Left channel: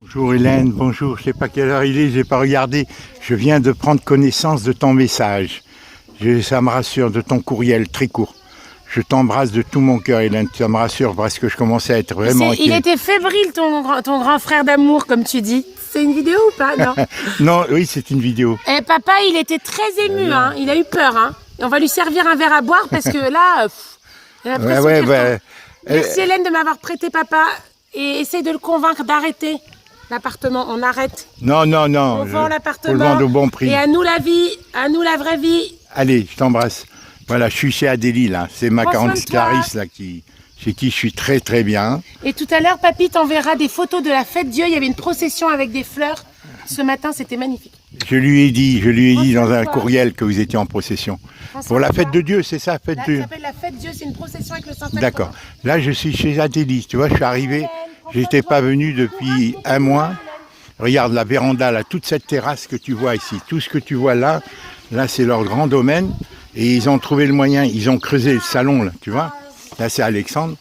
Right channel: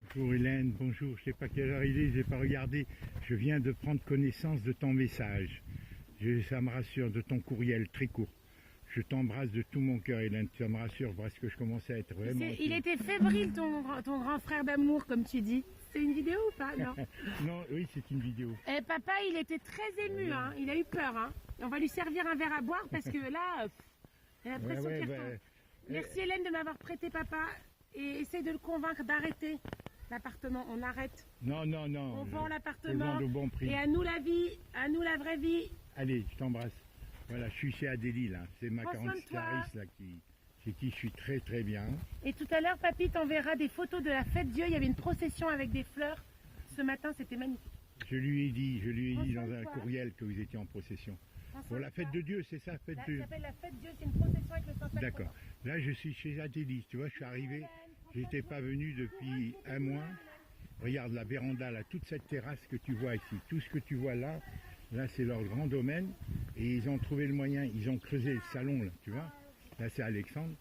Bonjour Hélène, bonjour, je ne sais pas quelle heure il est, je n'ai pas regardé. Je viens de prendre connaissance de ton message. Ça me rassure, de ton courriel très court. Je t'embrasse de tout mon cœur Hélène, ça me rassure parce que je commençais à être vraiment Il inquiet. était fébrile ton grand frère d'amour comme tu dis. C'est une vidéo ou pas? Non. Non, oui c'est une vidéo. Eh, papa il était très ému, hein. Il a eu peur. Hein. Et on va lui servir un verre à boire parce que là, j'ai l'impression qu'il retombe. Merci Hélène de m'avoir prêté papa et essaye de le convaincre d'arrêter l'appartement. On arrête. Non, On vend l'appartement. Faut le vendre au bon prix. Et à nous la vie, à nous la vraie vie. Allez, je t'embrasse. Voilà, je suis chez Adélie là, c'est ma Prends soin de toi. Clarisse là chez qui je suis très très bien. Et tout à l'heure, papy t'enverra des photos de la fête Dieu. Il y avait une procession avec des fleurs. Ce matin, c'était magnifique. Je lui ai dit dans un courriel que vous étiez en procession. Pour la fête de Dieu, c'est ça, fête de... Ça s'appelle la fête Dieu, c'est une procession avec le Saint-Sacrement. D'accord. Là, je suis chez Adélie, tu vois, je suis arrivé, j'étais pas venu depuis un mois. Regarde la véranda, là, toute cette terrasse que tu vois ici, tout ce que tu vois là, c'est leur grand domaine. Et ils ont trouvé le moyen, ils ont creusé le salon, là, tu vois. Là, c'est Alexandre,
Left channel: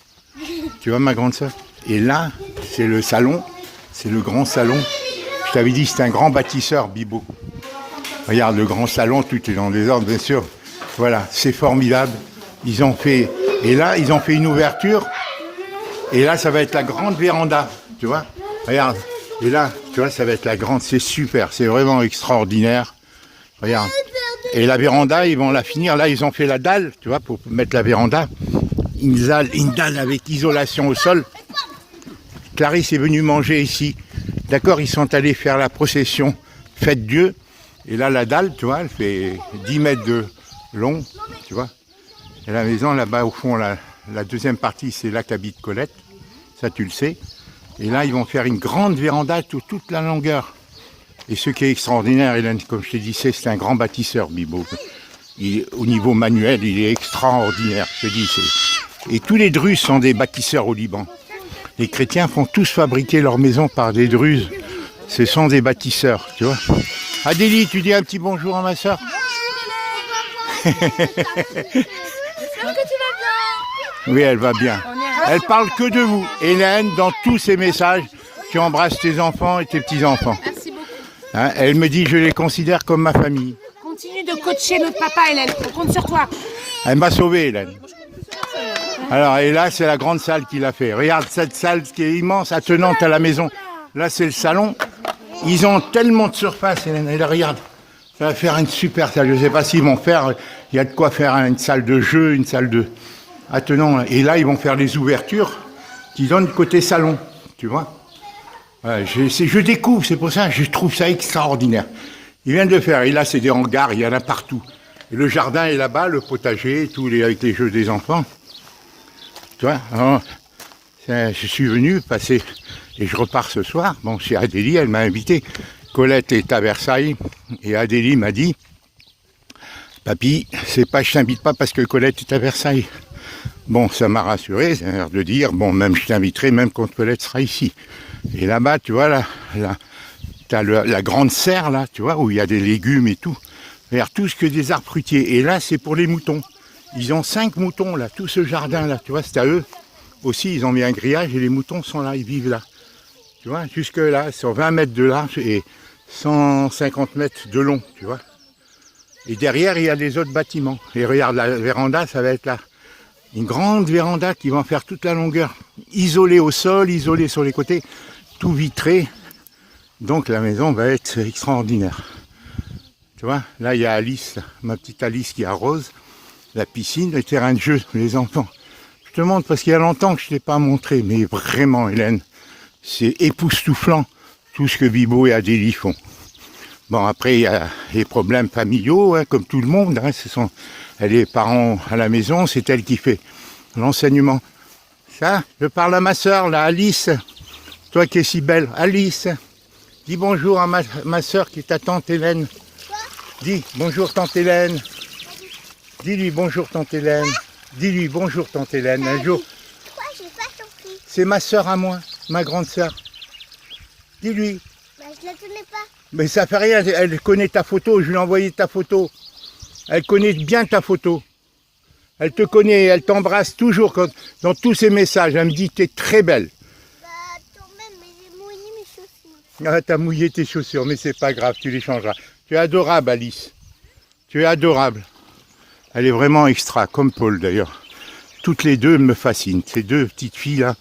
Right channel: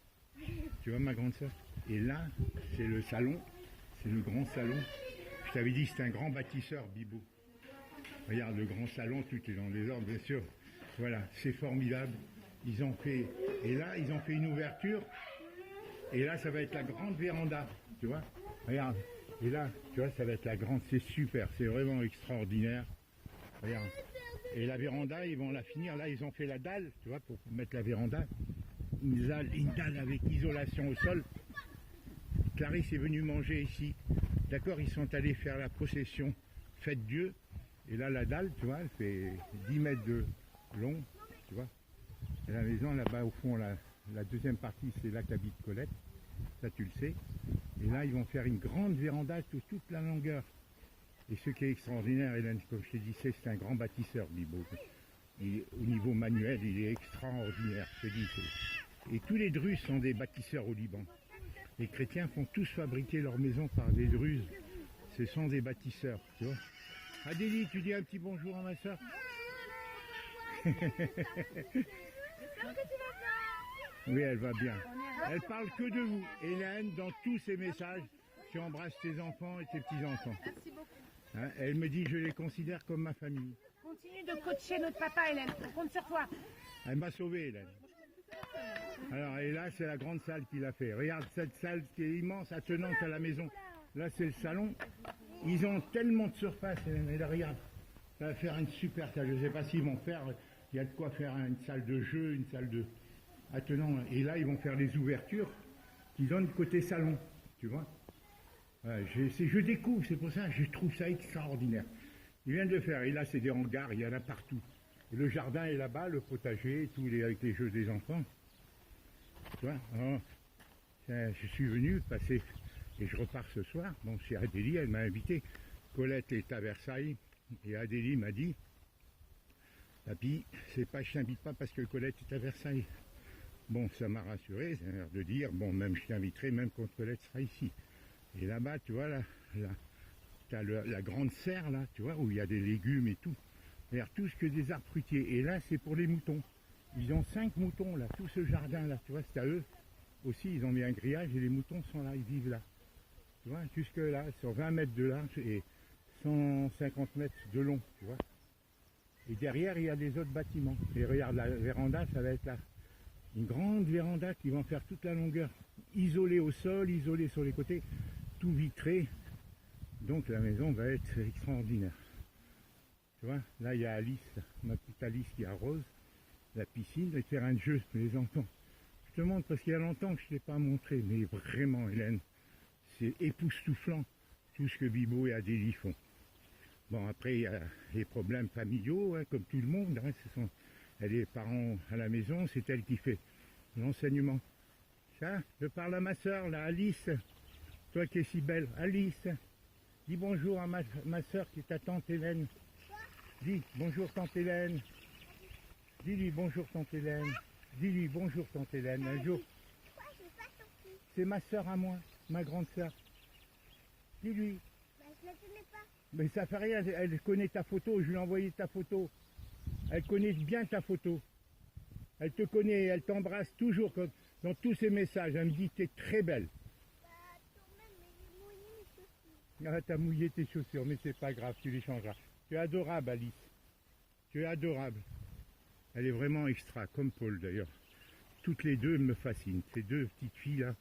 tu vois, ma grande sœur. Et là, c'est le salon, c'est le grand salon. Je t'avais dit, c'est un grand bâtisseur, Bibo. Regarde, le grand salon, tout est dans des ordres, bien sûr. Voilà, c'est formidable. Ils ont fait, et là, ils ont fait une ouverture. Et là, ça va être la grande véranda, tu vois. Regarde, et là, tu vois, ça va être la grande, c'est super, c'est vraiment extraordinaire. Regarde. Et la véranda, ils vont la finir. Là, ils ont fait la dalle, tu vois, pour mettre la véranda. Une dalle avec isolation au sol. Clarisse est venue manger ici. D'accord, ils sont allés faire la procession Fête Dieu. Et là, la dalle, tu vois, elle fait 10 mètres de long, tu vois. Et la maison, là-bas, au fond, la deuxième partie, c'est là qu'habite Colette. Ça, tu le sais. Et là, ils vont faire une grande véranda toute la longueur. Et ce qui est extraordinaire, Hélène, comme je te disais, c'est un grand bâtisseur, Bibo. Au niveau manuel, il est extraordinaire, je te dis. Et tous les Druzes sont des bâtisseurs au Liban. Les chrétiens font tous fabriquer leurs maisons par des Druzes. Ce sont des bâtisseurs, tu vois. Adélie, tu dis un petit bonjour à ma soeur. J'espère que tu vas bien. Oui, elle va bien. Elle parle que de vous. Hélène, dans tous ses messages, tu embrasses tes enfants et tes petits-enfants. Merci beaucoup. Hein, elle me dit, je les considère comme ma famille. Continue de coacher notre papa, Hélène. On compte sur toi. Elle m'a sauvé, Hélène. Alors, et là, c'est la grande salle qu'il a fait. Regarde cette salle qui est immense, attenante à la maison. Là, c'est le salon. Ils ont tellement de surface, Hélène. Et là, regarde, ça va faire une super salle. Je ne sais pas s'ils vont faire, il y a de quoi faire une salle de jeu, une salle de attenant. Et là, ils vont faire les ouvertures qui donnent côté salon, tu vois. Voilà, je découvre, c'est pour ça, je trouve ça extraordinaire. Ils viennent de faire, et là, c'est des hangars, il y en a partout. Et le jardin est là-bas, le potager, avec les jeux des enfants. Tu vois, alors, je suis venu passer, et je repars ce soir. Bon, chez Adélie, elle m'a invité. Colette est à Versailles, et Adélie m'a dit, papy, c'est pas, je t'invite pas parce que Colette est à Versailles. Bon, ça m'a rassuré, c'est l'air de dire, bon, même je t'inviterai, même quand Colette sera ici. Et là-bas, tu vois, t'as la grande serre, là, tu vois, où il y a des légumes et tout. Regarde, tout ce que des arbres fruitiers. Et là, c'est pour les moutons. Ils ont 5 moutons, là, tout ce jardin-là, tu vois, c'est à eux. Aussi, ils ont mis un grillage et les moutons sont là, ils vivent là. Tu vois, jusque là, sur 20 mètres de large et 150 mètres de long, tu vois. Et derrière, il y a les autres bâtiments. Et regarde, la véranda, ça va être là. Une grande véranda qui va en faire toute la longueur. Isolée au sol, isolée sur les côtés, tout vitré. Donc la maison va être extraordinaire. Tu vois, là il y a Alice, ma petite Alice qui arrose, la piscine, le terrain de jeu, les enfants. Je te montre parce qu'il y a longtemps que je ne t'ai pas montré, mais vraiment Hélène, c'est époustouflant tout ce que Bibo et Adélie font. Bon, après il y a les problèmes familiaux, hein, comme tout le monde, hein, elle est parents à la maison, c'est elle qui fait l'enseignement. Ça, je parle à ma soeur, là, Alice, toi qui es si belle, Alice, dis bonjour à ma soeur qui est ta tante Hélène. Dis bonjour tante Hélène. Dis-lui bonjour tante Hélène. Dis-lui bonjour tante Hélène. Un jour. Pourquoi j'ai pas compris? C'est ma soeur à moi, ma grande soeur. Dis-lui. Bah, je la connais pas. Mais ça fait rien, elle connaît ta photo, je lui ai envoyé ta photo. Elle connaît bien ta photo. Elle te connaît, elle t'embrasse toujours dans tous ses messages. Elle me dit, t'es très belle. Bah, toi-même, mais j'ai mouillé mes chaussures. Ah, t'as mouillé tes chaussures, mais c'est pas grave, tu les changeras. Tu es adorable, Alice. Tu es adorable. Elle est vraiment extra, comme Paul d'ailleurs. Toutes les deux me fascinent. Ces deux petites filles-là.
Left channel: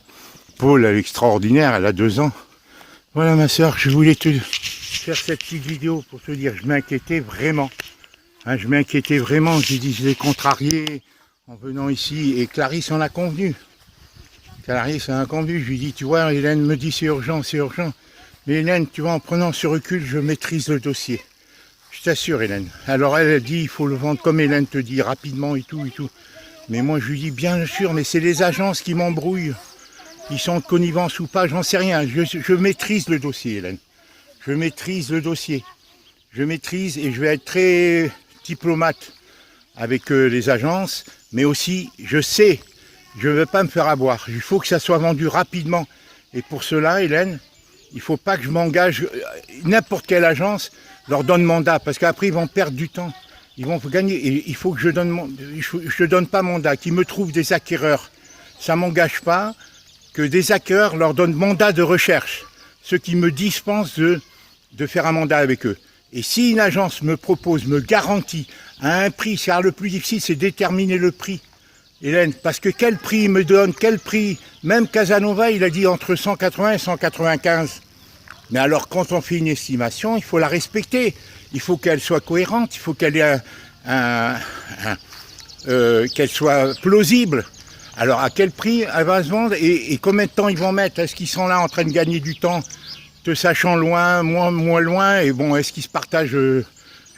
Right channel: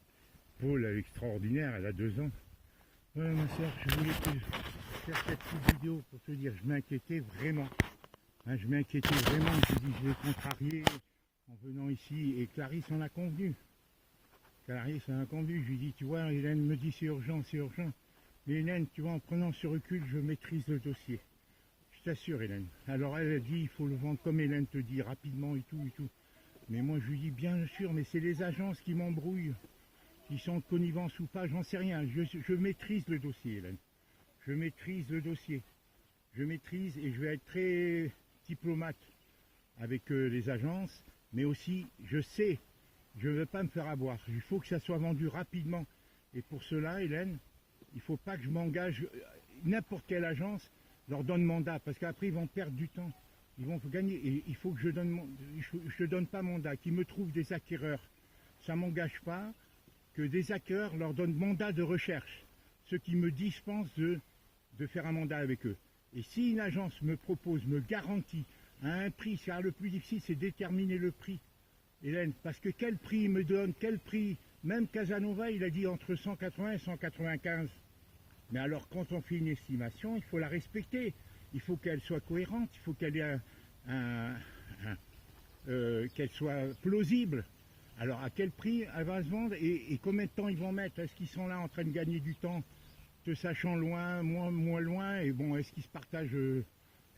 Paul, elle est extraordinaire, elle a 2 ans. Voilà ma soeur, je voulais te faire cette petite vidéo pour te dire, je m'inquiétais vraiment. Hein, je m'inquiétais vraiment, j'ai dit, je l'ai contrarié en venant ici. Et Clarisse en a convenu. Clarisse en a convenu, je lui dis, tu vois, Hélène me dit c'est urgent, c'est urgent. Mais Hélène, tu vois, en prenant ce recul, je maîtrise le dossier. Je t'assure, Hélène. Alors elle dit, il faut le vendre comme Hélène te dit, rapidement et tout, et tout. Mais moi, je lui dis, bien sûr, mais c'est les agences qui m'embrouillent. Ils sont de connivence ou pas, j'en sais rien. Je maîtrise le dossier, Hélène. Je maîtrise le dossier. Je maîtrise et je vais être très diplomate avec les agences. Mais aussi, je sais, je ne veux pas me faire avoir. Il faut que ça soit vendu rapidement. Et pour cela, Hélène, il ne faut pas que je m'engage, n'importe quelle agence leur donne mandat, parce qu'après ils vont perdre du temps, ils vont gagner, et il faut que je donne pas mandat, qu'ils me trouvent des acquéreurs. Ça ne m'engage pas que des acquéreurs leur donnent mandat de recherche, ceux qui me dispensent de faire un mandat avec eux. Et si une agence me propose, me garantit à un prix, car le plus difficile c'est déterminer le prix, Hélène, parce que quel prix il me donne, quel prix, même Casanova il a dit entre 180 et 195. Mais alors quand on fait une estimation, il faut la respecter, il faut qu'elle soit cohérente, il faut qu'elle ait qu'elle soit plausible. Alors à quel prix elle va se vendre et combien de temps ils vont mettre? Est-ce qu'ils sont là en train de gagner du temps, te sachant loin, moins loin? Et bon, est-ce qu'ils se partagent je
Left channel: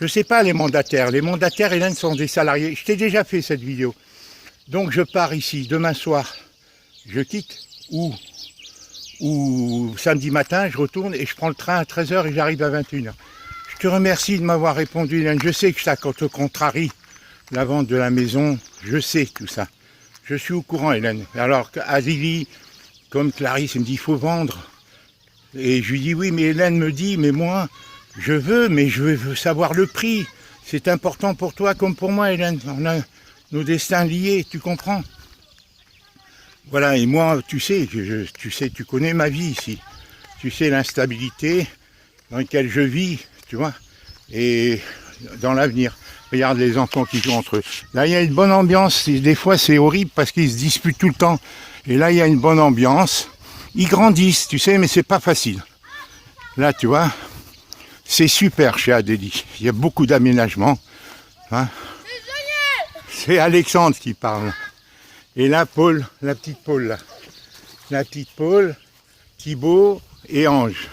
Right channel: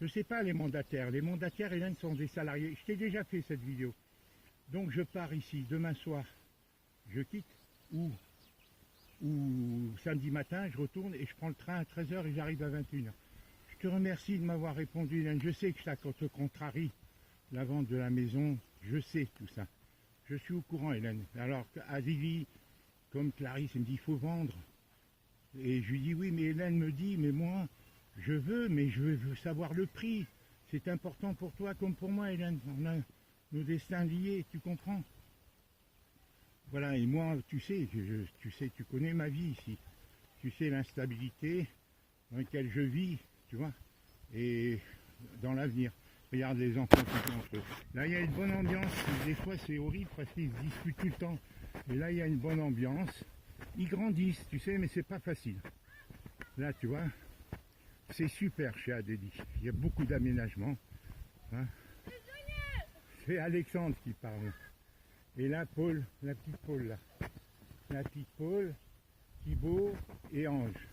ne sais pas les mandataires. Les mandataires, Hélène, sont des salariés. Je t'ai déjà fait cette vidéo. Donc je pars ici, demain soir, je quitte, ou samedi matin, je retourne et je prends le train à 13h et j'arrive à 21h. Je te remercie de m'avoir répondu, Hélène. Je sais que ça te contrarie, la vente de la maison. Je sais tout ça. Je suis au courant, Hélène. Alors, Adélie, comme Clarisse, elle me dit, il faut vendre. Et je lui dis, oui, mais Hélène me dit, mais moi, je veux, mais je veux savoir le prix. C'est important pour toi comme pour moi, Hélène. On a nos destins liés, tu comprends? Voilà, et moi, tu sais, tu connais ma vie ici. Tu sais l'instabilité dans laquelle je vis, tu vois, et dans l'avenir. Regarde les enfants qui jouent entre eux. Là, il y a une bonne ambiance. Des fois, c'est horrible parce qu'ils se disputent tout le temps. Et là, il y a une bonne ambiance. Ils grandissent, tu sais, mais c'est pas facile. Là, tu vois, c'est super chez Adélie. Il y a beaucoup d'aménagements. Hein. C'est Alexandre qui parle. Et là, Paul, la petite Paul, là. La petite Paul, Thibaut et Ange.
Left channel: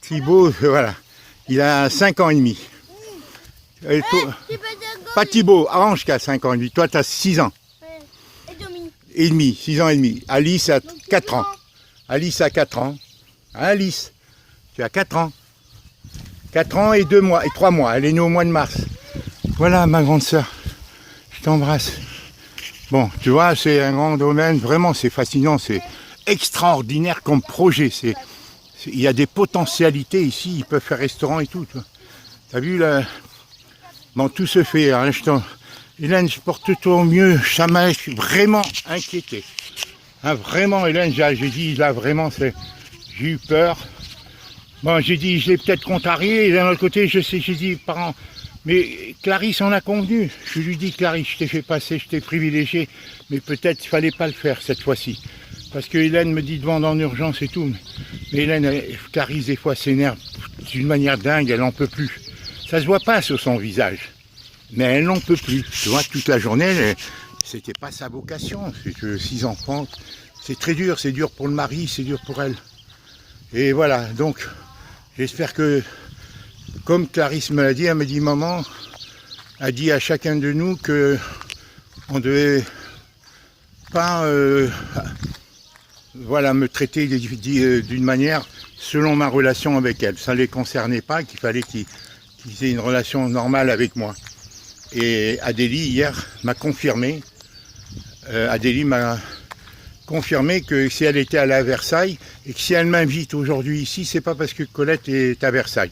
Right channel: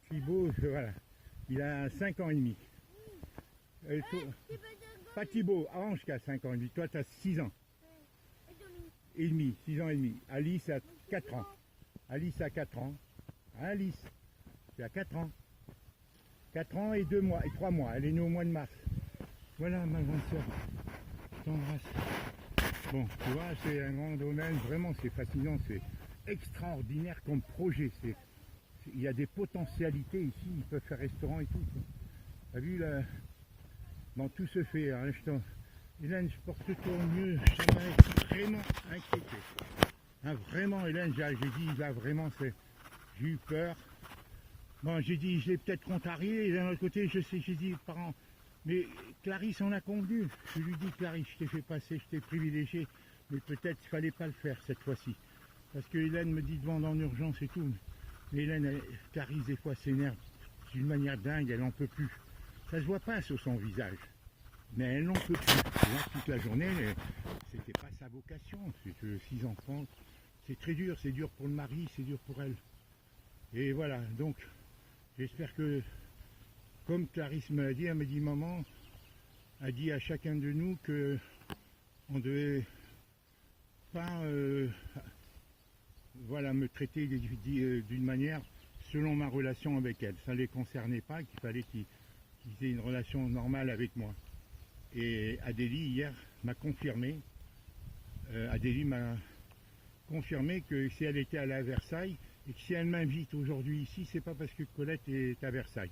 Thibaut, voilà. Il a 5 ans et demi. Pas Thibaut, Ange qui a 5 ans et demi. Toi, tu as 6 ans. Et demi, 6 ans et demi. Alice a 4 ans. Alice a 4 ans. Alice, tu as 4 ans. 4 ans et 2 mois, et 3 mois. Elle est née au mois de mars. Voilà, ma grande sœur. Je t'embrasse. Bon, tu vois, c'est un grand domaine. Vraiment, c'est fascinant. C'est extraordinaire comme projet. Il y a des potentialités ici. Ils peuvent faire restaurant et tout. Tu as vu là? Bon, tout se fait. Hein, Hélène, je porte-toi au mieux. Ça m'a vraiment inquiété. Hein, vraiment, Hélène, j'ai dit, là, vraiment, j'ai eu peur. Bon, j'ai dit, je l'ai peut-être contrarié. Et d'un autre côté, j'ai dit, parents, mais Clarisse en a convenu. Je lui dis, Clarisse, je t'ai fait passer, je t'ai privilégié. Mais peut-être qu'il ne fallait pas le faire cette fois-ci. Parce que Hélène me dit de vendre en urgence et tout. Mais Hélène, Clarisse, des fois, s'énerve d'une manière dingue, elle n'en peut plus. Ça se voit pas sur son visage. Mais elle n'en peut plus. Tu vois, toute la journée, c'était pas sa vocation. C'est 6 enfants. C'est très dur. C'est dur pour le mari, c'est dur pour elle. Et voilà, donc, j'espère que, comme Clarisse me l'a dit, elle me dit, maman a dit à chacun de nous que on devait pas voilà, me traiter d'une manière selon ma relation avec elle. Ça ne les concernait pas, qu'il fallait qu'ils aient une relation normale avec moi. Et Adélie, hier, m'a confirmé, Adélie m'a confirmé que si elle était allée à Versailles, et que si elle m'invite aujourd'hui ici, c'est pas parce que Colette est à Versailles.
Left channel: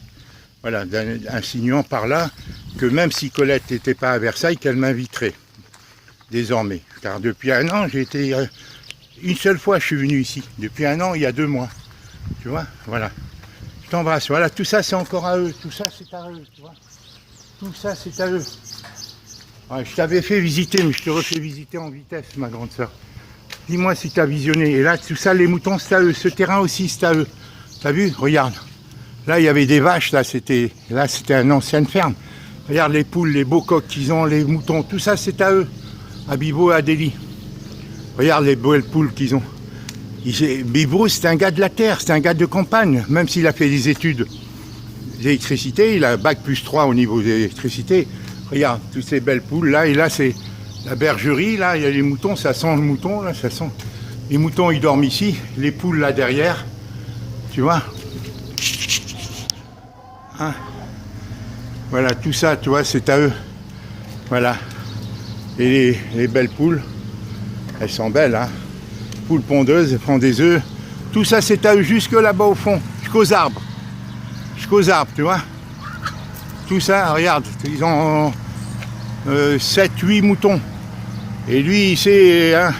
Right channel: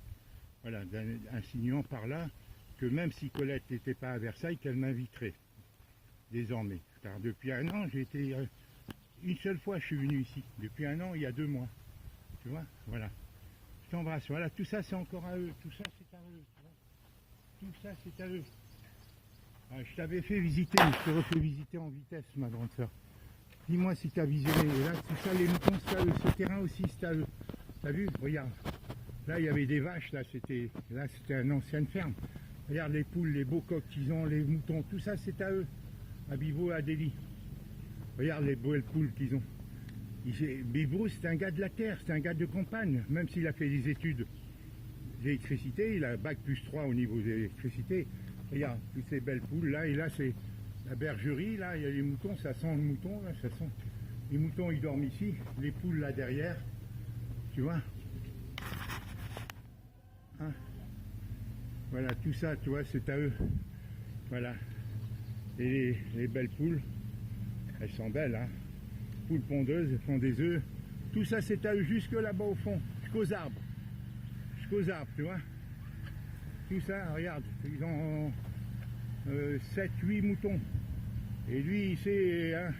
Voilà, insinuant par là que même si Colette n'était pas à Versailles, qu'elle m'inviterait désormais. Car depuis 1 an, j'ai été... Une seule fois, je suis venu ici. Depuis 1 an, il y a 2 mois. Tu vois, voilà. Je t'embrasse. Voilà, tout ça c'est encore à eux. Tout ça c'est à eux, tu vois. Tout ça c'est à eux. Ouais, je t'avais fait visiter, mais je te refais visiter en vitesse, ma grande soeur. Dis-moi si tu as visionné. Et là, tout ça, les moutons, c'est à eux. Ce terrain aussi, c'est à eux. T'as vu? Regarde. Là, il y avait des vaches. Là, c'était une ancienne ferme. Regarde les poules, les beaux coqs qu'ils ont, les moutons. Tout ça, c'est à eux. À Bibo et à Délie. Regarde les belles poules qu'ils ont. Bibo, c'est un gars de la terre. C'est un gars de campagne. Même s'il a fait des études d'électricité, il a bac plus 3 au niveau de l'électricité. Regarde, toutes ces belles poules là, et là c'est la bergerie, là, il y a les moutons, ça sent le mouton, là, ça sent. Les moutons, ils dorment ici, les poules là derrière, tu vois. Hein? Voilà, tout ça, tu vois, c'est à eux. Voilà. Et les belles poules, elles sont belles, hein. Poules pondeuses, elles font des œufs. Tout ça, c'est à eux, jusque là-bas au fond, jusqu'aux arbres. Jusqu'aux arbres, tu vois. Tout ça, regarde, ils ont 7-8 moutons. Et lui, il sait, hein,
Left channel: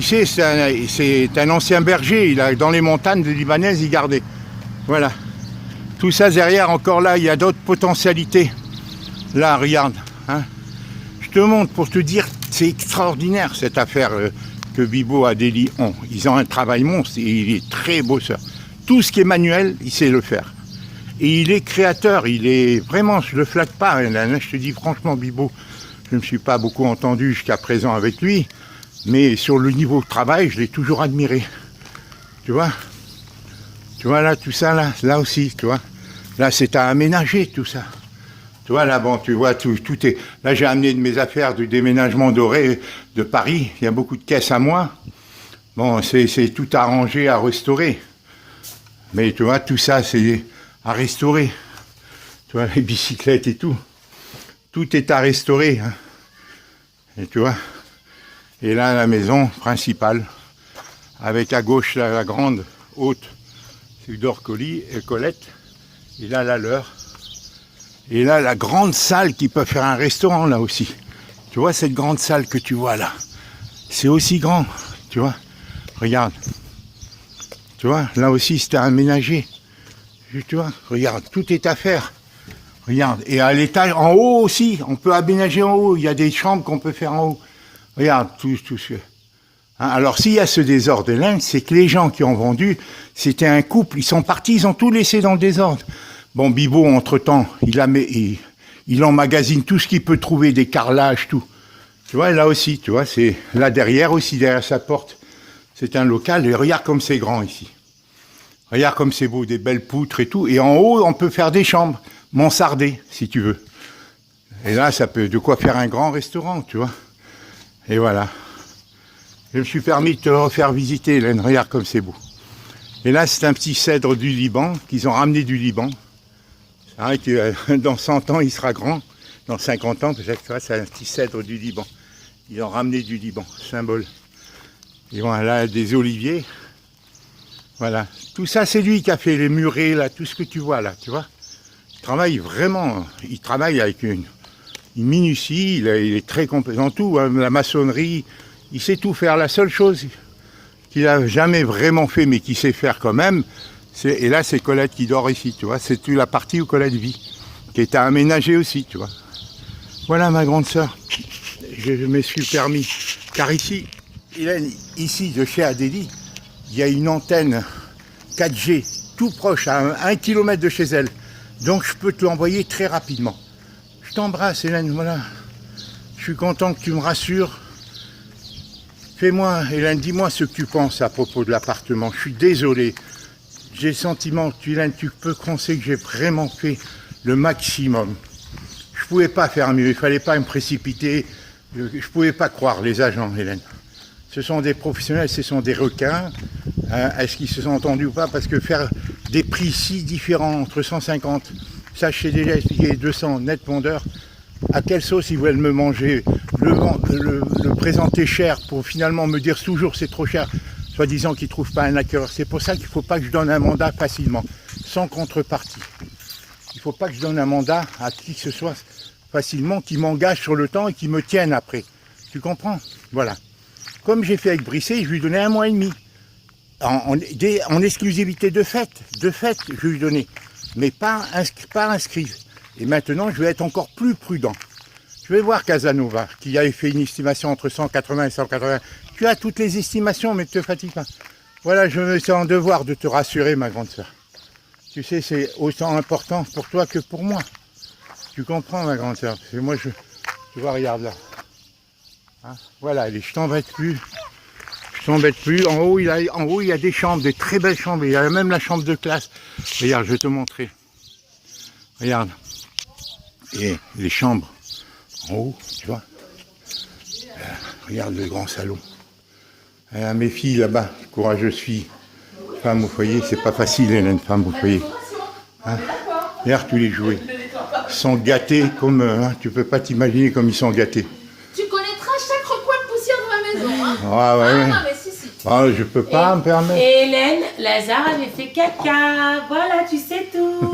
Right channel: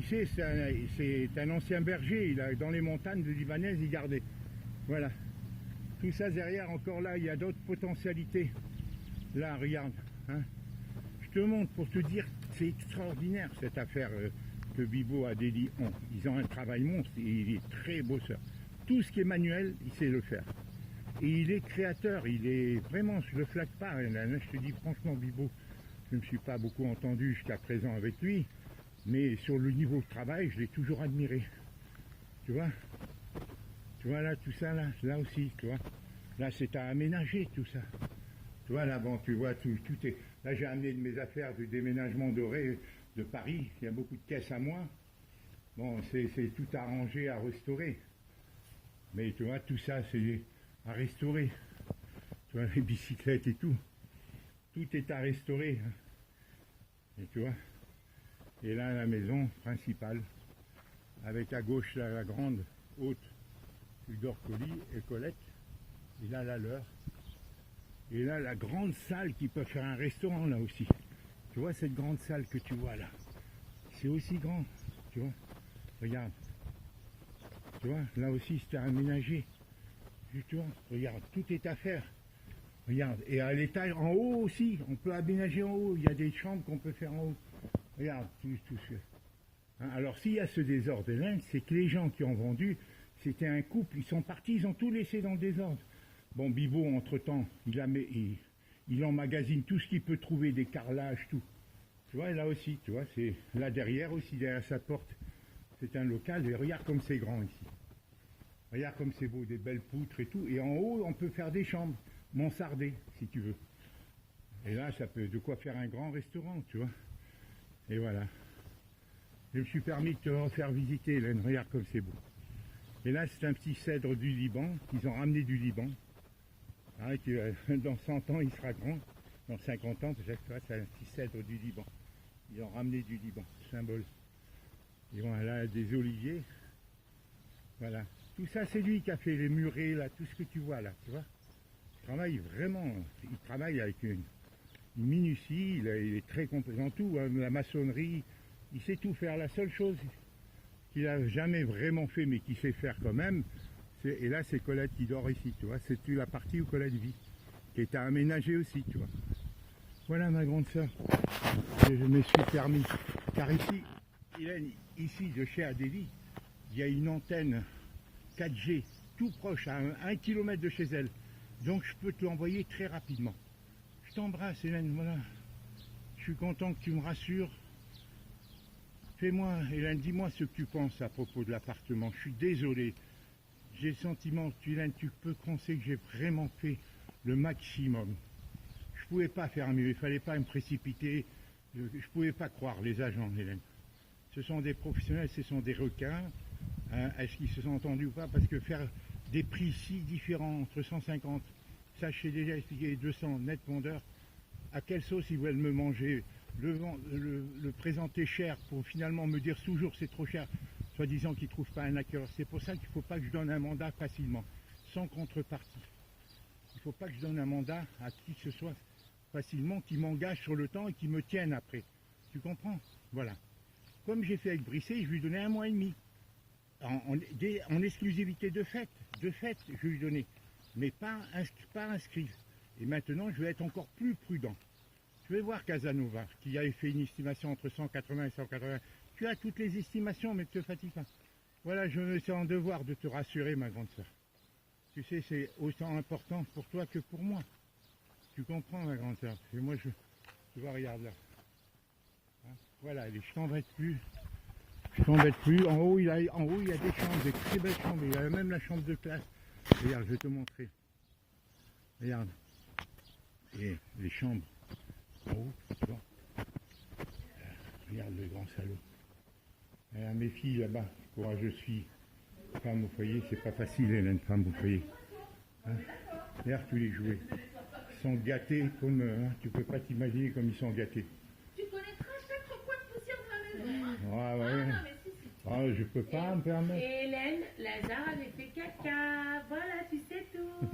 c'est un ancien berger. Il a, dans les montagnes libanaises, il gardait. Voilà. Tout ça derrière, encore là, il y a d'autres potentialités. Là, regarde. Hein. Je te montre pour te dire, c'est extraordinaire cette affaire que Bibo et Délie ont. Ils ont un travail monstre et il est très bosseur. Tout ce qui est manuel, il sait le faire. Et il est créateur, il est vraiment, je ne le flatte pas, je te dis franchement Bibo, je ne me suis pas beaucoup entendu jusqu'à présent avec lui, mais sur le niveau de travail, je l'ai toujours admiré. Tu vois là, tout ça, là aussi, tu vois. Là, c'est à aménager tout ça. Tu vois, là, bon, tu vois, tout est... Là, j'ai amené de mes affaires du déménagement doré de Paris, il y a beaucoup de caisses à moi. Bon, c'est tout arrangé à restaurer. Mais tu vois, tout ça, c'est... à restaurer, tu vois, les bicyclettes et tout est à restaurer, hein. Et tu vois, et là la maison principale, avec à gauche la grande haute, c'est d'Orcoli et Colette, et là la leur, et là la grande salle qui peut faire un restaurant là aussi, tu vois cette grande salle que tu vois là, c'est aussi grand, tu vois, regarde, tu vois, là aussi c'était aménagé. Tu vois, regarde, tout est à faire. Regarde, et à l'étage, en haut aussi, on peut aménager en haut. Il y a des chambres qu'on peut faire en haut. Regarde, tout ce... Hein, alors, s'il y a ce désordre-là, c'est que les gens qui ont vendu, c'était un couple. Ils sont partis, ils ont tout laissé dans le désordre. Bon, Bibo, entre-temps, il emmagasine tout ce qu'il peut trouver, des carrelages, tout. Tu vois, là aussi, tu vois, c'est là derrière aussi, derrière sa porte. C'est un local, et regarde comme c'est grand ici. Regarde comme c'est beau, des belles poutres et tout. Et en haut, on peut faire des chambres, mansardées, si tu veux. Et là, ça peut de quoi faire un grand restaurant, tu vois. Et voilà. Je me suis permis de te refaire visiter, Hélène. Regarde comme c'est beau. Et là, c'est un petit cèdre du Liban, qu'ils ont ramené du Liban. C'est vrai que dans 100 ans, il sera grand. Dans 50 ans, peut-être, c'est un petit cèdre du Liban. Ils ont ramené du Liban, symbole. Et voilà, des oliviers. Voilà, tout ça c'est lui qui a fait les murets, là, tout ce que tu vois là, tu vois. Il travaille vraiment, il travaille avec une minutie, il est très compétent en tout, hein, la maçonnerie, il sait tout faire. La seule chose qu'il n'a jamais vraiment fait, mais qu'il sait faire quand même, et là c'est Colette qui dort ici, tu vois, c'est toute la partie où Colette vit, qui est à aménager aussi, tu vois. Voilà ma grande sœur, je me suis permis, car ici, ici de chez Adélie, il y a une antenne 4G tout proche, à 1 km de chez elle. Donc je peux te l'envoyer très rapidement. Je t'embrasse Hélène, voilà. Je suis content que tu me rassures. Fais-moi, Hélène, dis-moi ce que tu penses à propos de l'appartement. Je suis désolé. J'ai le sentiment, Hélène, tu peux penser que j'ai vraiment fait le maximum. Je ne pouvais pas faire mieux, il ne fallait pas me précipiter. Je ne pouvais pas croire les agents, Hélène. Ce sont des professionnels, ce sont des requins. Hein, est-ce qu'ils se sont entendus ou pas? Parce que faire des prix si différents entre 150, ça je sais déjà expliquer, 200 net vendeurs, à quelle sauce ils veulent me manger, le présenter cher pour finalement me dire toujours c'est trop cher, soi-disant qu'ils ne trouvent pas un acquéreur. C'est pour ça qu'il ne faut pas que je donne un mandat facilement, sans contrepartie. Il ne faut pas que je donne un mandat à qui que ce soit facilement, qui m'engage sur le temps et qui me tienne après. Tu comprends? Voilà. Comme j'ai fait avec Brisset, je lui donnais 1 mois et demi. en exclusivité de fait, je vais lui donner, mais pas inscrit. Et maintenant, je vais être encore plus prudent. Je vais voir Casanova, qui avait fait une estimation entre 180 et 180. Tu as toutes les estimations, mais ne te fatigue pas. Voilà, je me sens en devoir de te rassurer, ma grande sœur. Tu sais, c'est autant important pour toi que pour moi. Tu comprends, ma grande sœur? Parce que moi, tu vois, regarde là. Hein, voilà, allez, je t'embête plus. Je t'embête plus. En haut, il y a des chambres, des très belles chambres. Il y a même la chambre de classe. Regarde, je vais te montrer. Regarde. Et les chambres en haut, tu vois. Regarde le grand salon. Mes filles là-bas, courageuses filles. Femme au foyer, c'est pas facile, Hélène, femme au foyer. Hein, regarde tous les jouets. Ils sont gâtés comme... tu peux pas t'imaginer comme ils sont gâtés. Tu connaîtras chaque recoin de poussière de ma maison. Hein. Ah ouais. Non, mais si. Ah, je peux pas me permettre. Et Hélène, Lazare avait fait caca. Voilà, tu sais tout.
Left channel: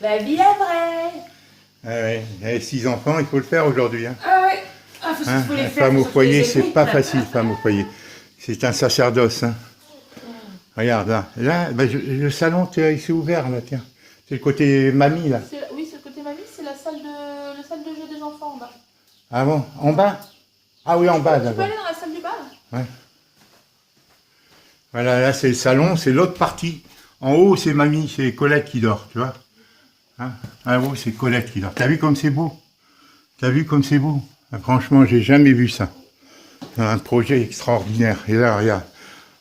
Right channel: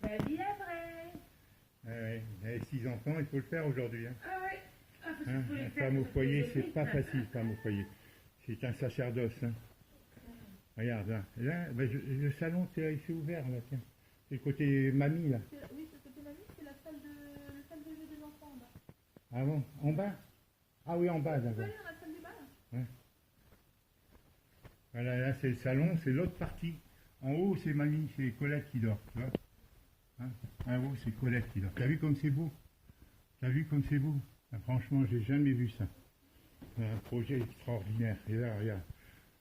La vie est vraie. Ah ouais. Il y a 6 enfants, il faut le faire aujourd'hui. Hein. Ah ouais. Ah, faut les faire, Femme au faut foyer, les c'est aimer. pas facile, femme au foyer. C'est un sacerdoce. Hein. Regarde là. Là, le salon, il s'est ouvert là, tiens. C'est le côté mamie là. Oui, c'est le côté mamie, c'est la salle de jeu des enfants en bas. Ah bon? En bas? Ah oui, en bas Tu peux d'abord. aller dans la salle du bas là? Ouais. Voilà, là c'est le salon, c'est l'autre partie. En haut, c'est mamie, c'est Colette qui dort, tu vois. Hein, en haut, c'est Colette qui dort. T'as vu comme c'est beau? T'as vu comme c'est beau? Ah, franchement, j'ai jamais vu ça. C'est un projet extraordinaire. Et là, regarde.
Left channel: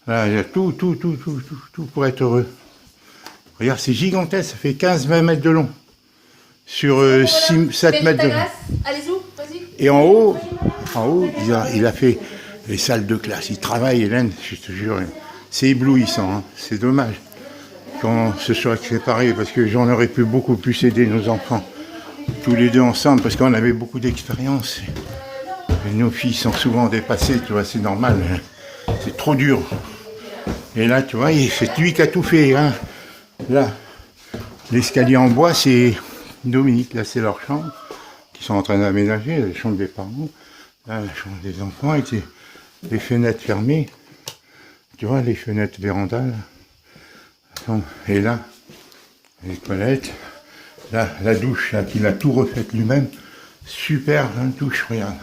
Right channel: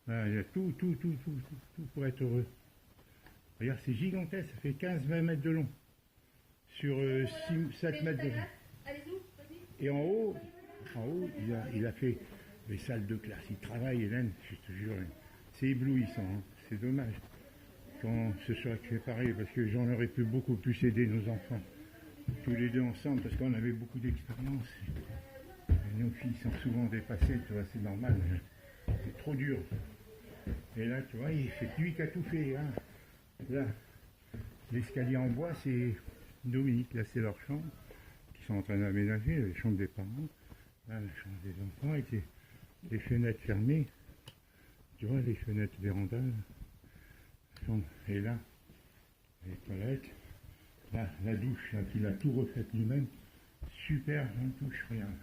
Là, il y a tout pour être heureux. Regarde, c'est gigantesque, ça fait 15-20 mètres de long. Sur 7 mètres de long. Allez-y, vas-y. Et en haut, il a fait les salles de classe. Il travaille, Hélène, je te jure. C'est éblouissant, hein. C'est dommage qu'on se soit séparés parce que j'en aurais pu beaucoup plus aider nos enfants. Tous les deux ensemble, parce qu'on avait beaucoup d'expérience. Et nos filles sont souvent dépassées, tu vois, c'est normal. Hein. C'est trop dur. Et là, tu vois, c'est lui qui a tout fait. Hein. Là, l'escalier en bois, c'est Dominique. Là, c'est leur chambre qu'ils sont en train d'aménager, la chambre des parents. Là, la chambre des enfants, avec les fenêtres fermées. Tu vois, les fenêtres vérandales. Et là, les toilettes. Là, la douche, là, qu'il a tout refait lui-même. Super, hein, douche, regarde.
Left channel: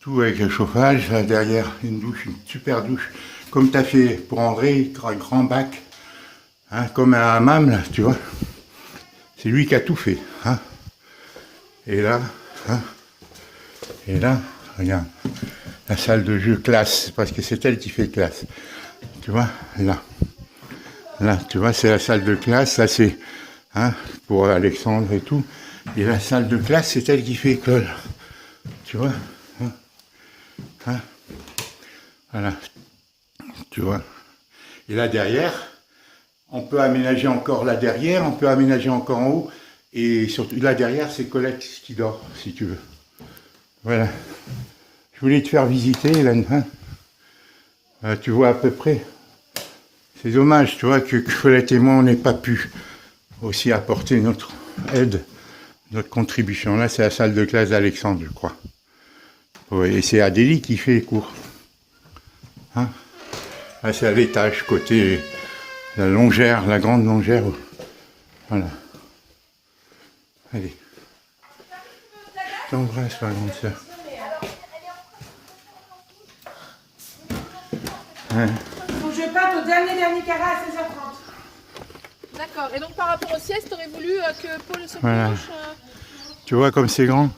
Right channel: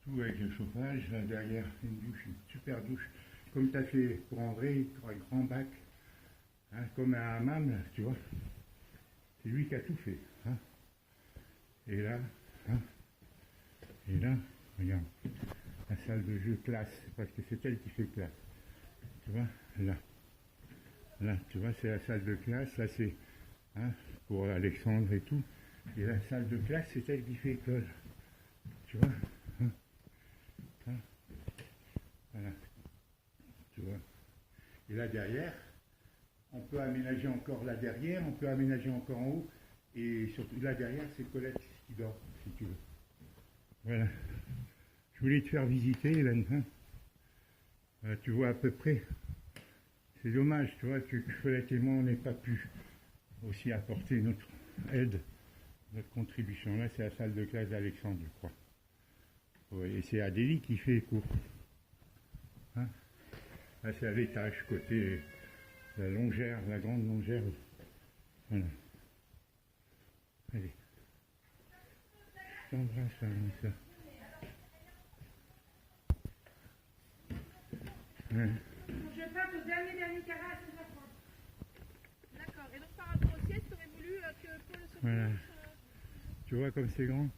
Tout avec le chauffage. Là, derrière, une douche, une super douche. Comme tu as fait pour André, un grand bac. Hein, comme un hammam, là, tu vois. C'est lui qui a tout fait. Hein. Et là, regarde. La salle de jeu classe, parce que c'est elle qui fait classe. Tu vois, là. Là, tu vois, c'est la salle de classe. Là, c'est pour Alexandre et tout. Et la salle de classe, c'est elle qui fait école. Tu vois, voilà. Tu vois. Et là, derrière, on peut aménager encore là derrière, on peut aménager encore en haut. Et surtout, là derrière, c'est Colette qui dort, si tu veux. Voilà. Je voulais te faire visiter, Hélène. Hein. Tu vois à peu près. C'est dommage, tu vois, que Colette et moi, on n'ait pas pu aussi apporter notre aide, notre contribution. Là, c'est la salle de classe d'Alexandre, je crois. Ouais, et c'est Adélie qui fait les cours. Hein. Là, c'est à l'étage, côté la longère, la grande longère. Voilà. Allez. Je t'embrasse, ma grande sœur. Ouais. Faut que je parte au dernier carré à 16h30. D'accord. Et donc par rapport aux siestes, t'aurais voulu que Paul se Voilà. couche Tu vois comme c'est grand.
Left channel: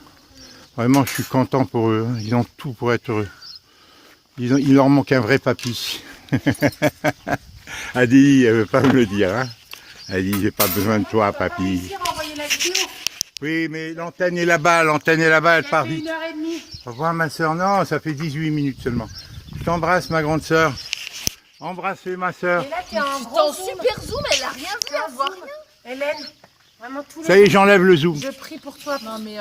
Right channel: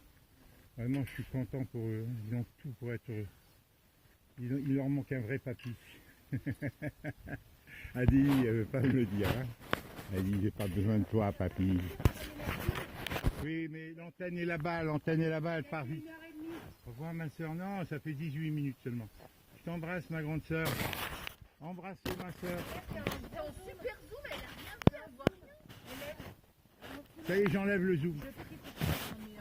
Vraiment, je suis content pour eux. Ils ont tout pour être heureux. Il leur manque un vrai papy. Adi, elle ne veut pas me le dire. Hein. Elle dit, j'ai pas besoin de toi, papy. Oui, mais l'antenne est là-bas, elle part vite. 1h30. Au revoir, ma soeur. Non, ça fait 18 minutes seulement. Je t'embrasse, ma grande soeur. Embrassez ma soeur. Et là, t'es en T'es gros en zoom. super zoom, elle a rien vu à voir. Hélène, vraiment tous les Ça y est, j'enlève le zoom. Je prie pour toi. Non mais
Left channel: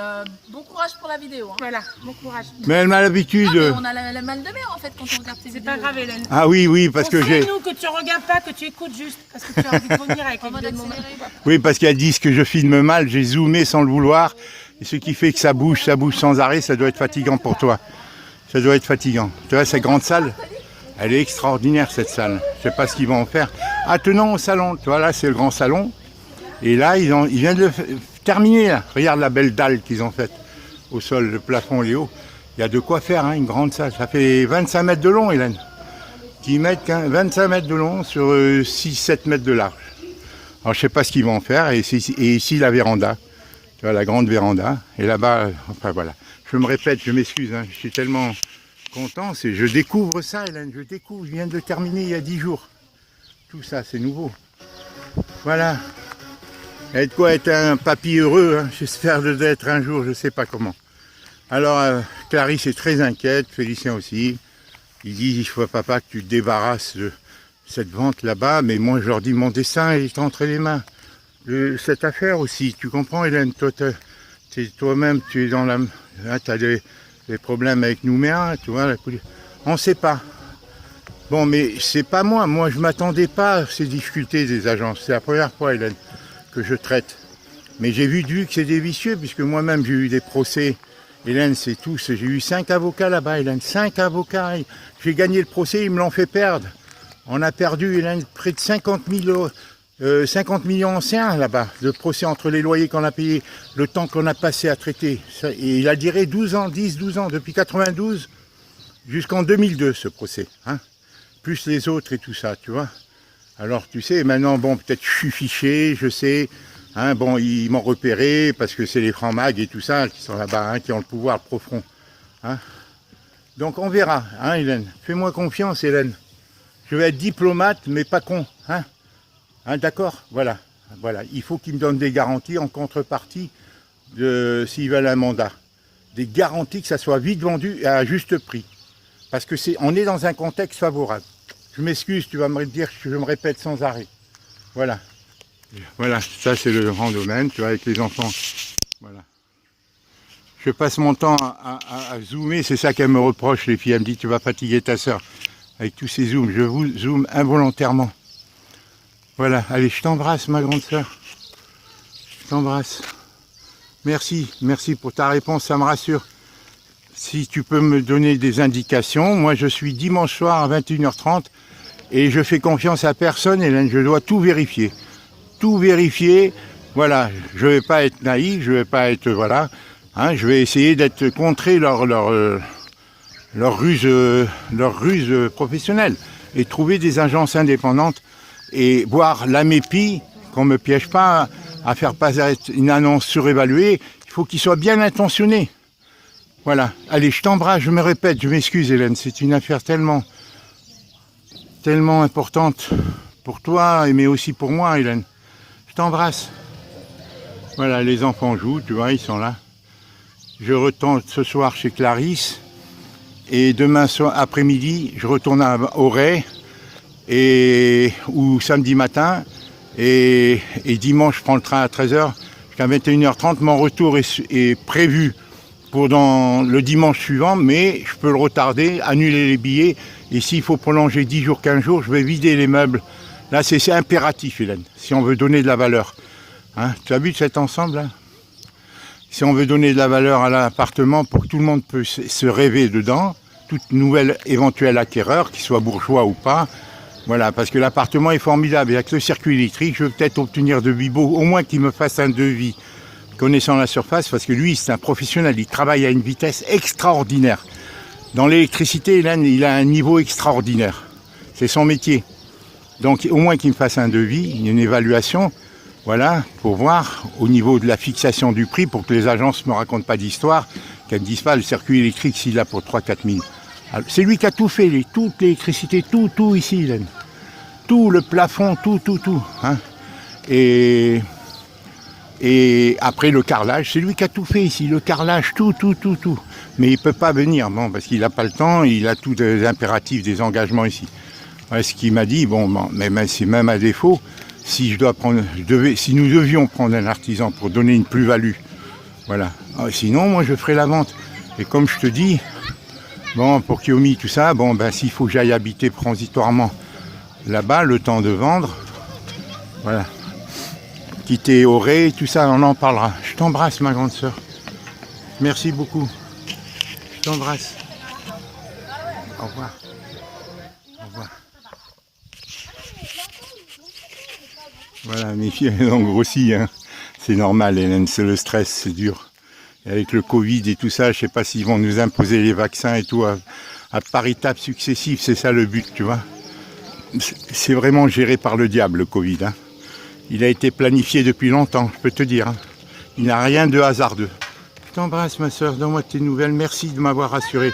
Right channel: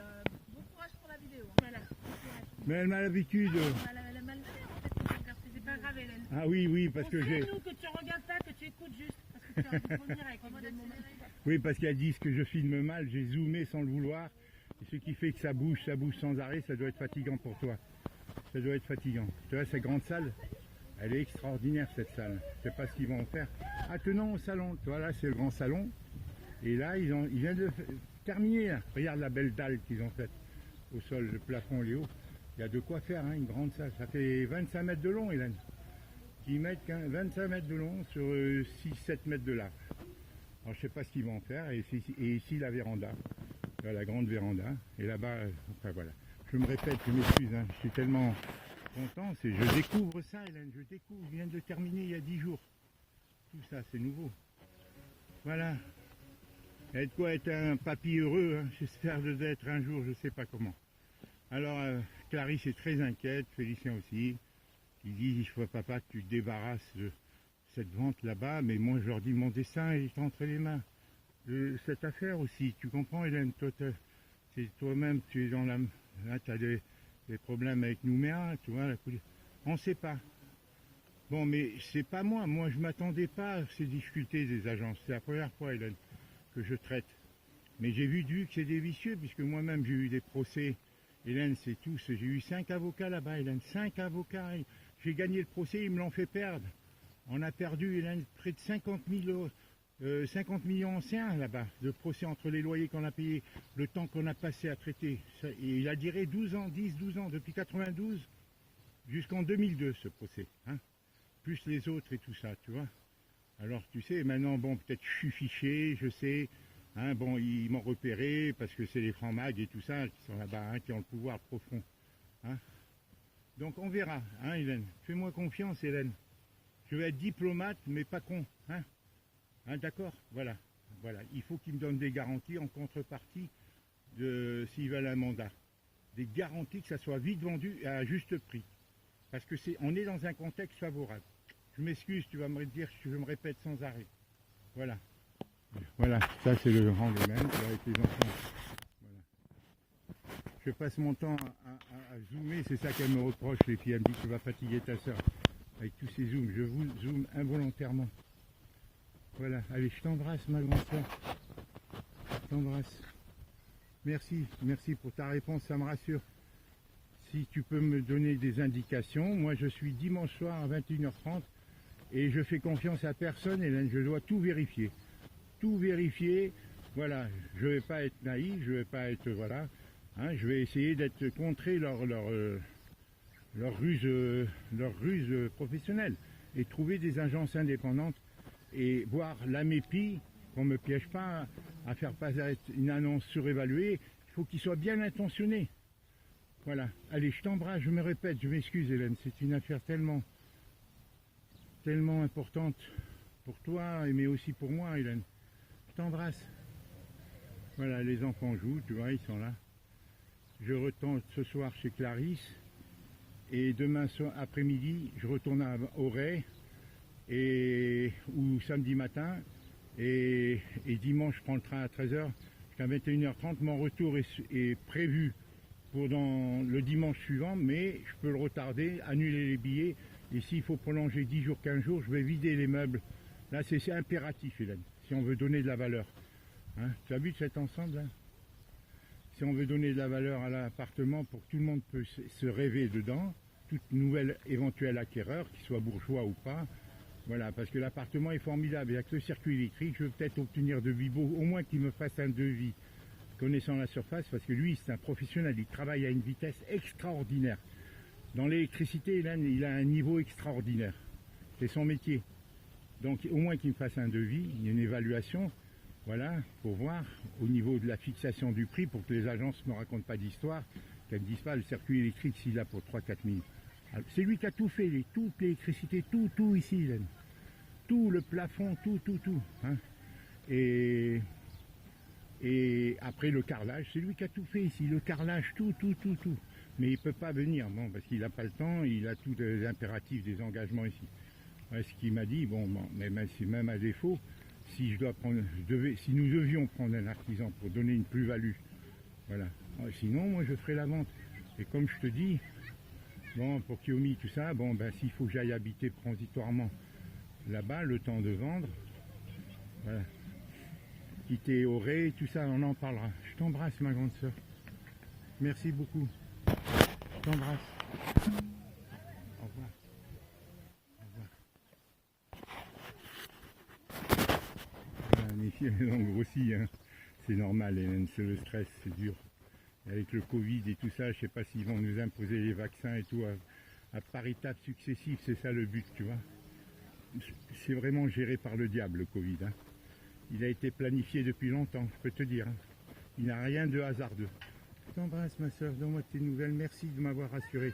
bon courage pour la vidéo. Hein. Voilà, bon courage. Mais elle m'a l'habitude. Non, mais on a la mal de mer en fait quand on regarde tes C'est vidéos. pas grave, Hélène. Ah oui, parce que j'ai... nous que tu regardes pas, que tu écoutes juste, parce que tu as envie de vomir avec En les mode vidéos de mon accéléré. Oui, parce qu'elles disent que je filme mal, j'ai zoomé sans le vouloir. Et ce qui fait que ça bouge sans arrêt, ça doit être fatigant pour toi. Ça doit être fatigant. Tu vois, cette grande salle, Elle est extraordinaire cette salle. Je sais pas ce qu'ils vont en faire. Attenant au salon, tu vois là c'est le grand salon. Et là ils viennent de le terminer là. Regarde la belle dalle qu'ils ont faite au sol, le plafond est haut. Il y a de quoi faire, hein, une grande salle. Ça fait 25 mètres de long, Hélène. Qui mettent 25 mètres de long sur 6-7 mètres de large. Alors je sais pas ce qu'ils vont en faire. Et ici la véranda. Tu vois, la grande véranda. Et là-bas, enfin voilà. Je me répète, je m'excuse, hein, je suis tellement content. Je découvre ça, Hélène. Je découvre. Je viens de terminer il y a 10 jours. Tout ça, c'est nouveau. Voilà. Il y a de quoi être un papy heureux. Hein. J'espère d'être un jour, je ne sais pas comment. Alors, Clarisse est très inquiète, Félicien aussi. Ils disent, il faut papa que tu te débarrasses de cette vente là-bas. Mais moi, je leur dis, mon destin est entre les mains. Cette affaire aussi, tu comprends, Hélène, toi-même, tu es dans la... Tu as des problèmes avec Nouméa, tu vois, on ne sait pas. Bon, mais c'est pas moi. Moi, je ne m'attendais pas à ces difficultés des agences. C'est la première fois, Hélène, que je traite. Mais j'ai vu que c'est des vicieux, puisque moi-même, j'ai eu des procès. Hélène, c'est tout. J'ai eu 5 avocats là-bas, Hélène. 5 avocats. J'ai gagné le procès, ils me l'ont fait perdre. On a perdu, Hélène, près de 50 millions anciens là-bas, de procès entre les loyers qu'on a payés, le temps qu'on a passé à traiter. Et il a duré 12 ans, 10-12 ans, depuis 92 jusqu'en 2002 ce procès. Hein, plus les autres et tout ça, tu vois. Alors tu sais, maintenant, bon, peut-être je suis fiché, je sais. Hein, bon, ils m'ont repéré parce que c'est les francs-mags et tout ça qui sont là-bas, hein, qui ont le pouvoir profond. Hein. Donc on verra, hein, Hélène. Fais-moi confiance, Hélène. Je vais être diplomate, mais pas con. Hein. Hein, d'accord, voilà. Il faut qu'ils me donnent des garanties en contrepartie s'ils veulent un mandat. Des garanties que ça soit vite vendu et à juste prix. Parce que on est dans un contexte favorable. Je m'excuse, tu vas me dire que je me répète sans arrêt. Voilà. Voilà, ça c'est le grand domaine, tu vois, avec les enfants. Voilà. Je passe mon temps à zoomer, c'est ça qu'elle me reproche, les filles. Elle me dit, tu vas fatiguer ta soeur avec tous ces zooms. Je vous zoome involontairement. Voilà, allez, je t'embrasse, ma grande soeur. Je t'embrasse. Merci pour ta réponse, ça me rassure. Si tu peux me donner des indications, moi je suis dimanche soir à 21h30 et je fais confiance à personne, Hélène, je dois tout vérifier. Tout vérifier, voilà, je ne vais pas être naïf, je ne vais pas être, voilà, hein, je vais essayer d'être contrer leur ruse professionnelle et trouver des agences indépendantes et voir la mépie, qu'on ne me piège pas à faire paraître une annonce surévaluée, il faut qu'il soit bien intentionné. Voilà, allez, je t'embrasse, je me répète, je m'excuse Hélène, c'est une affaire tellement importante pour toi, mais aussi pour moi Hélène. Je t'embrasse. Voilà, les enfants jouent, tu vois, ils sont là. Je retourne ce soir chez Clarisse et demain après-midi, je retourne à Auray ou samedi matin et dimanche, je prends le train à 13h jusqu'à 21h30. Mon retour est prévu pour le dimanche suivant, mais je peux le retarder, annuler les billets. Et s'il faut prolonger 10 jours, 15 jours, je vais vider les meubles. Là, c'est impératif, Hélène, si on veut donner de la valeur. Hein, tu as vu cet ensemble là? Si on veut donner de la valeur à l'appartement pour que tout le monde puisse se rêver dedans, toute nouvelle éventuel acquéreur, qu'il soit bourgeois ou pas, voilà, parce que l'appartement est formidable. Avec le circuit électrique, je veux peut-être obtenir de Bibo, au moins qu'il me fasse un devis, connaissant la surface, parce que lui, c'est un professionnel, il travaille à une vitesse extraordinaire. Dans l'électricité, Hélène, il a un niveau extraordinaire. C'est son métier. Donc, au moins qu'il me fasse un devis, une évaluation, voilà, pour voir au niveau de la fixation du prix, pour que les agences ne me racontent pas d'histoire, qu'elles ne disent pas le circuit électrique s'il a pour 3-4 000. C'est lui qui a tout fait, toute l'électricité, tout ici, Hélène. Tout, le plafond, tout. Hein. Et après le carrelage, c'est lui qui a tout fait ici, le carrelage, tout. Mais il ne peut pas venir, bon, parce qu'il n'a pas le temps, il a tous les impératifs, des engagements ici. Ouais, ce qu'il m'a dit, mais c'est même à défaut, si nous devions prendre un artisan pour donner une plus-value, voilà. Sinon, moi, je ferai la vente. Et comme je te dis, bon, pour Kiyomi, tout ça, s'il faut que j'aille habiter transitoirement là-bas, le temps de vendre, voilà. Quitter Auray, tout ça, on en parlera. Je t'embrasse, ma grande sœur. Merci beaucoup. Je t'embrasse. Au revoir. Voilà, mes filles, elles ont grossi. Hein. C'est normal, Hélène, c'est le stress, c'est dur. Et avec le Covid et tout ça, je sais pas s'ils vont nous imposer les vaccins et tout à par étapes successives. C'est ça le but, tu vois. C'est vraiment géré par le diable, le Covid. Hein. Il a été planifié depuis longtemps, je peux te dire. Hein. Il n'y a rien de hasardeux. Je t'embrasse, ma soeur, donne-moi tes nouvelles. Merci de m'avoir rassuré.